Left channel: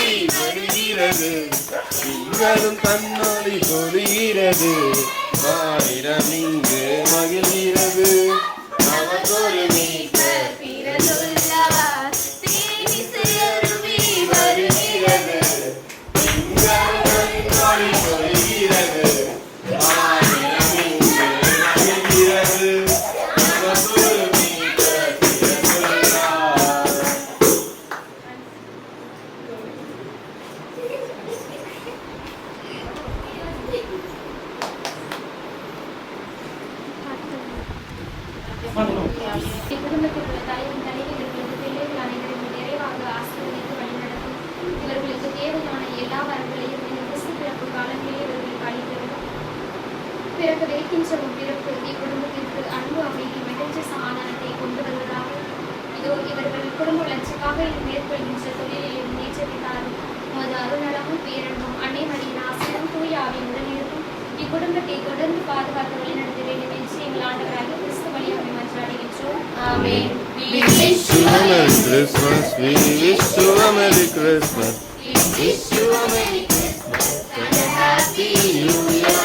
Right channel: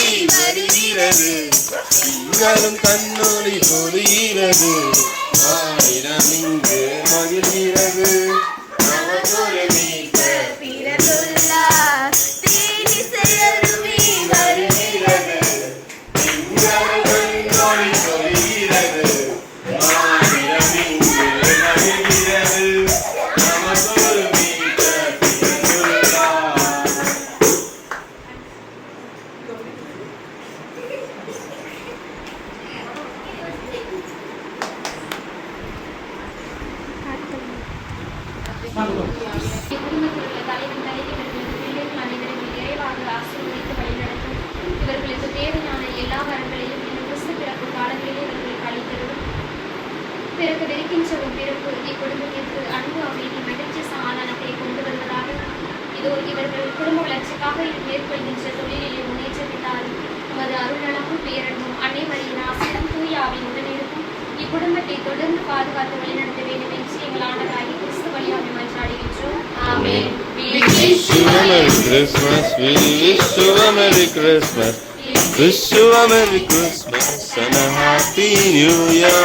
வருகிறது திங்களும் தன்னொழி பொழிகிறது ஆயிரம் இங்கு மகிழ்கிறது நமக்கொரு மீட்ப பிறகுள்ளார் தீனி செல்லுமே வருகிறது திங்களும் தன்னொழி பொழிகிறது ஆயிரம் இங்கு மகிழ்கிறது நமக்கொரு மீட்ப பிறகுள்ளார். குடும்பத்தில் உள்ள தலைவன் தலைவர்களுக்கு பிள்ளைகள் அனைவரும் நிறைவாக ஆசீர்வதித்து வழிநடத்தும் இவர்களுக்கு தேவையான எல்லா வரங்களையும் கிறிஸ்து பிறப்பு காலங்களிலே இவர்களுக்கு அளித்தரும் பிறக்கவிருக்கின்றவும் பிறப்பு இக்குடும்பத்திற்கு அன்பு அமைதி மகிழ்ச்சி சமாதானத்தை கொண்டு வருவதாக. இதோ இவர்கள் குடும்ப வளர்ச்சிக்காக மேற்கொள்கின்ற தொழிலிலே முன்னேற்றப்பட்டார். உமது அருள்நலமும் பேரன்பும் அன்னை மரியின் ஆசையும் தூயாவின் உடனிருக்கும் இக்குடும்பத்தை தொடர்ந்து பாதுகாத்து வழிநடத்த வேண்டும் என்று எங்கள் ஆண்டவராகிய கிறிஸ்து வழியாக மன்றாடுகின்றோம். ஆமென். We wish you a Merry Christmas. We wish you a Merry Christmas. Wish you a Merry Christmas and a Happy New Year.